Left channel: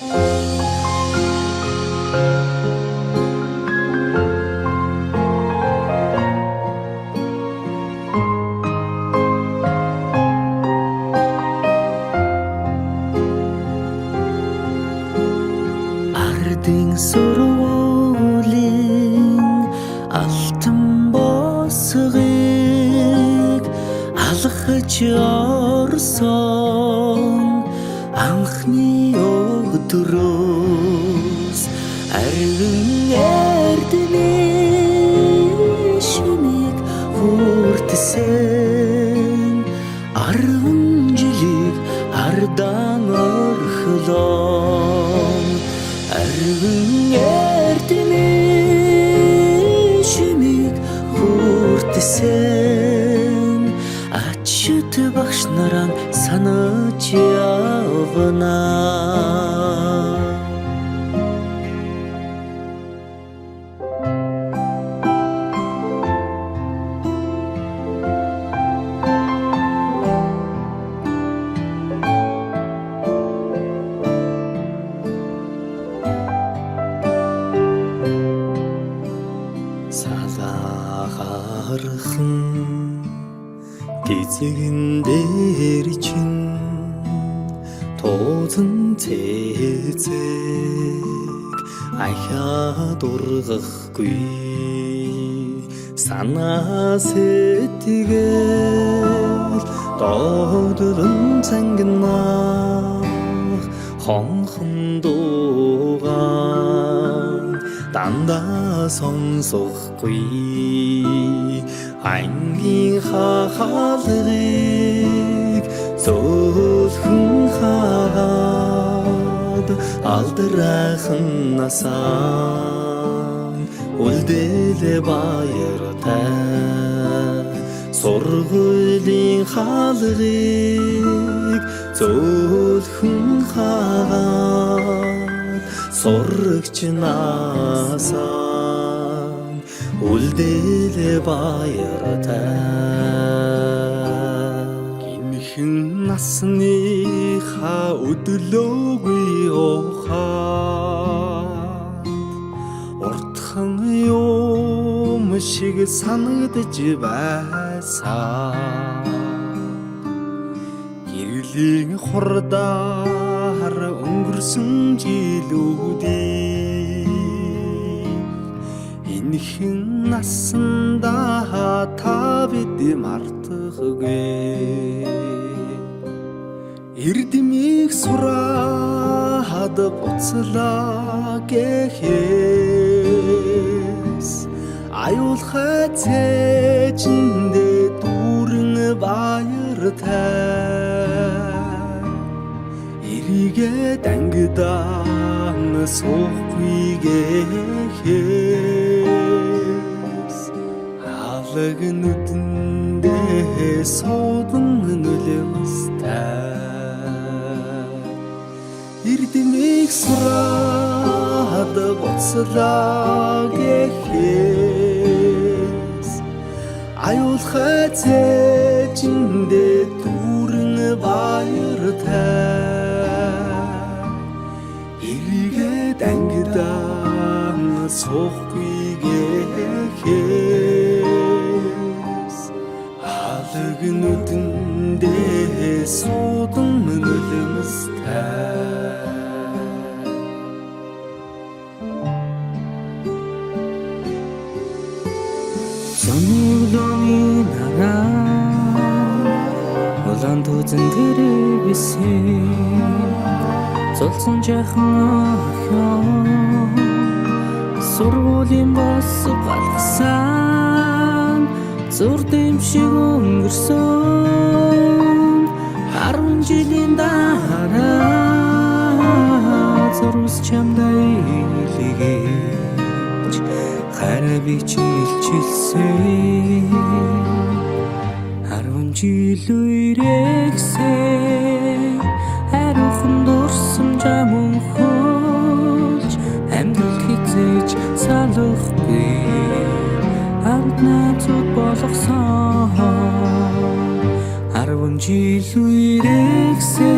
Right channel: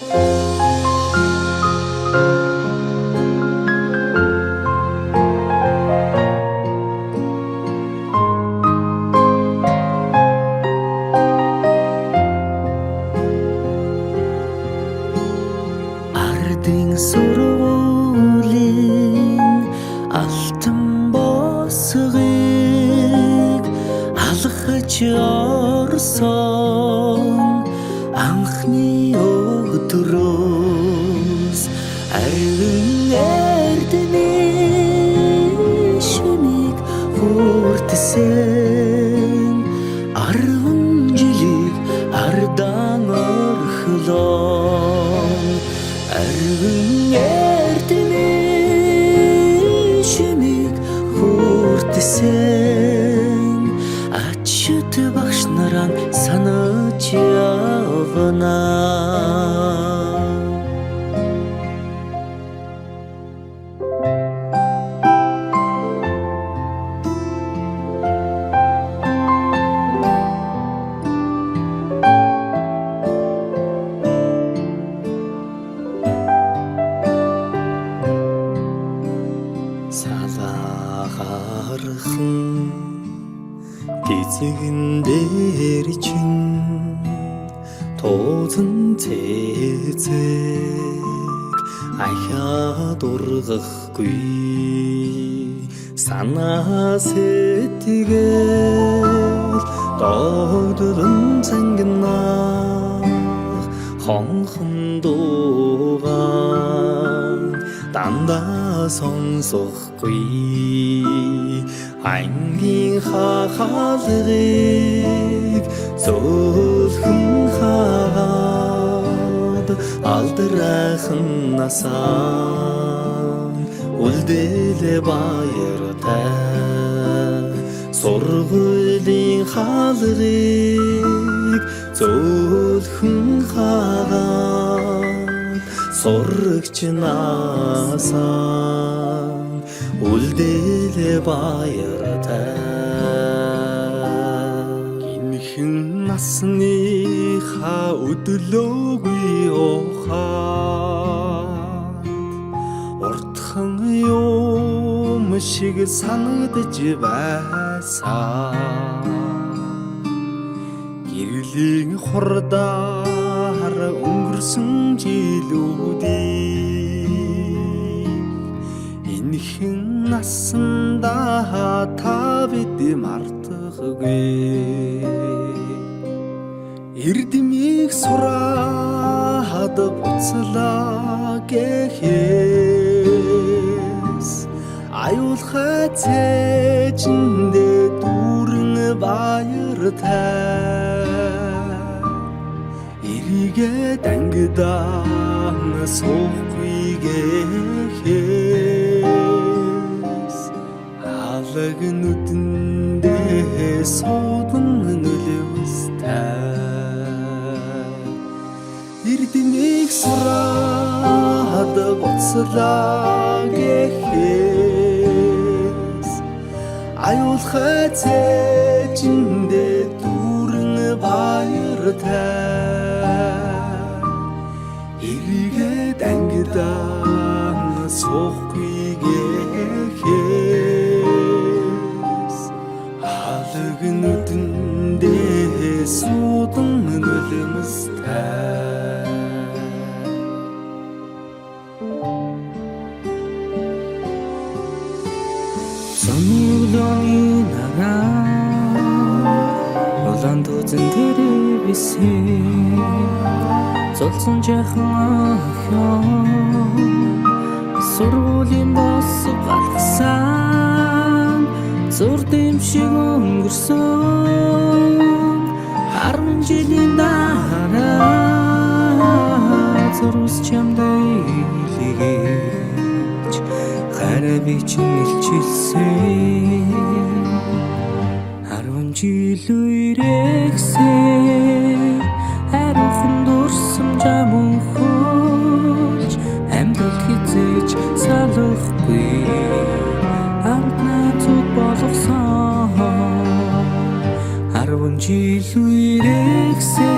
Ардын сургуулийн алтан босгыг алхаж орсон анхны өдрөөс арвин эрдмийн шимийг хүртсэн 10 жилиг ардан орхлон арвин эрдмийн шимийг хүртсэн ачт багш наран санаж явна. Салахархан гизэгэн дээр чин тоозон цэцэг ахаад ургахгүй санаа сэтгэл догдолн цангинах хонхон дуугаан дандаа сонсохгүй ангийн хахалгыг зөөлхөн хаад алдрайхан насаа үлдээлэ баяртай сургуулийн хаалгыг зөөлхөн хаад сурагч насаа үлдээлэ баяртай гинхэн насныхаа өдлөөгүй ухаанд уртхан юм шиг санагдаж байсан гэрлийн хурдаар өнгөрсөн жилүүдийг энэхэн насандаа та бид мартахгүй эрдмийг сураад буцлаа гэхээс аюулхай цээжиндээ дүүрэн баяртай эрийгээ дангидаан суухгүй гэхээс алаг нүдэндээ суудан нулимстай эрдмийг сураад буцлаа гэхээс аюулхай цээжиндээ дүүрэн баяртай эрийгээ дангидаан суухгүй гэхээс алаг нүдэндээ суудан нулимстай Сонны үлөөний нараа улаан тузан дээр бисэн золсон жахан охин сургуулийн бос галгасан зур дэмшиг өнгөрсөн 10 жилийн дараа зурус чамдай илгээж хараби чин илчилсэн 10 жил үрэгсээ хариухан дурсамжаа мөнхөлж амьдрал хизээж салахгүй хамт найзууд болгосон 10 жил үрэгсэн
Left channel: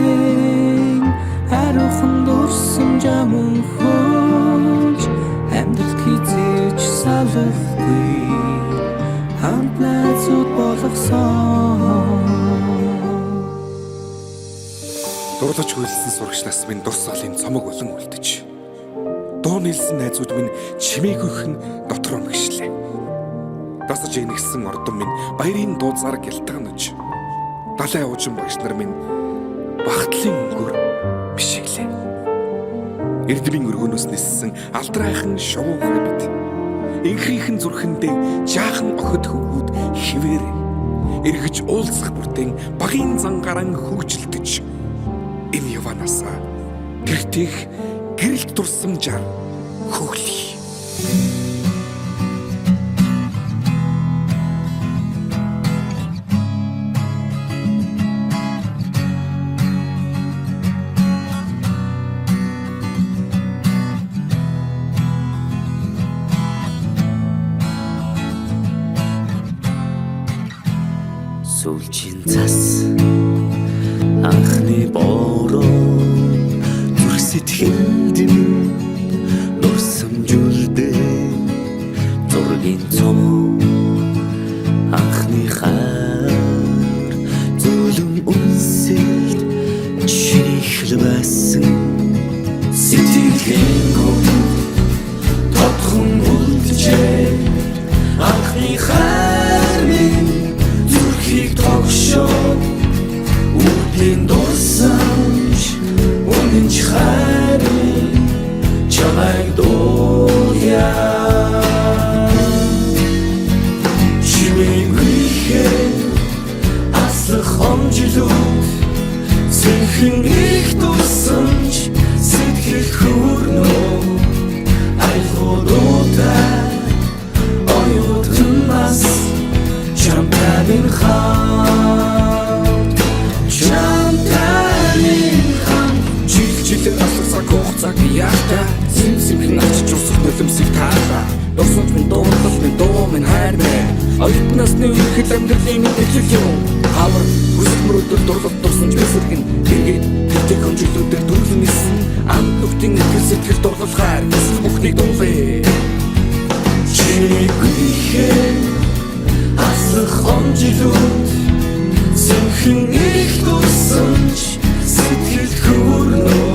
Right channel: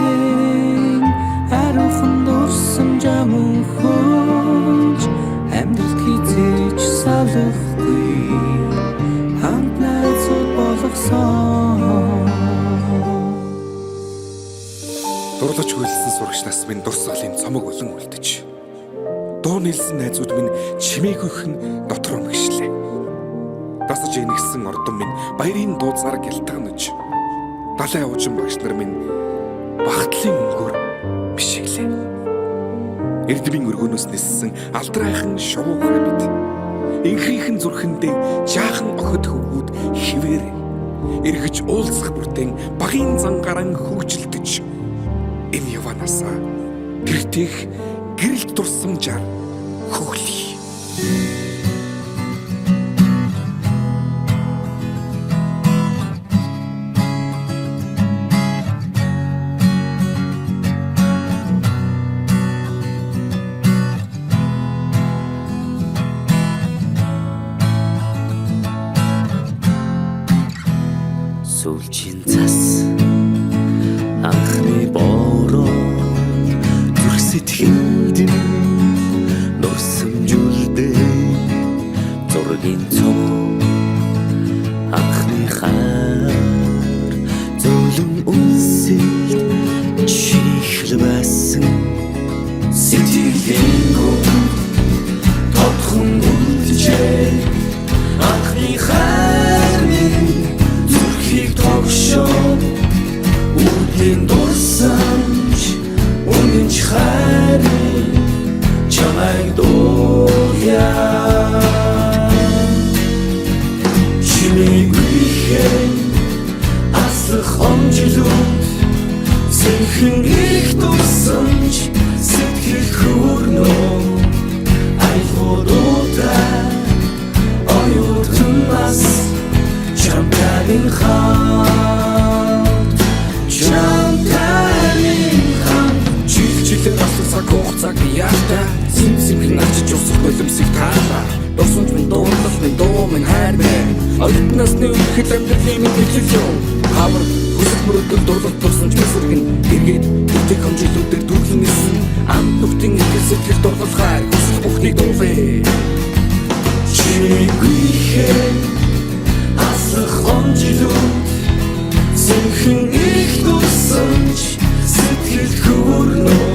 хариухан дурсамжаа мөнхөлж амьдралд хизээж салахгүй хамт найзууд болгосон. Дурлаж хөлсөн сурагч нас минь дурсгалын цомог болон үлдэж. Дуу нийлсэн найзууд минь чимээгүйхэн дотор мэгшлээ. Дасаж игнэгсэн ордон минь баярын дууцаар гялтганаж. Далайн уужин багш нар минь багтлын өнгөөр бишиглээ. Эрдмийн өргөнөөс ниссэн алдрайхан шувуугай бид. Инхрийнхэн зүрхэндээ жаахан охид хөвгүүд хിവэр эргэж уулзах бүртэн багийн зангаран хөгжилдөж. Энэ яванасаа гэртех гэрэлт дурсамжаар хөглөе. Сүүлчийн цас анхны бороо зүрх сэтгэлд нурсамжуулдээ зургийн цом анхны хаар зөөлөн үнсэлт чиний хэлбэсэн сэтгэлийн гүн тодхон үлджээ анхны хаар минь зүрхийг тогшоо үрдийн дурсамж үнэнч хайрын чамайг дуулъя чимээгүйхэн аслах хомжилууд сэнхэн их дурсамж сэтгэл хүрнөө айлгуудаа оюутан нас Чамтамин хан жилээр асласаа хугацааг яахта симхэн авчиж усах нулимсыг таалаа дурсамж минь дуурлал минь дуу минь хайр минь оюутнаас нэг их амьдралын минь нэглэл юм хавар хүсэл мөрөдөл дурлал дурсамж бисэргэн эргээд тэгтэг хонжиглуудээр дүүрэн нисэн амт нүхтийн итгэл сэтгэл дурлал хайр хүсэл бүхнийг дуулъя чимээгүйхэн аслах хомжилууд сэнхэн их дурсамж сэтгэл хүрнөө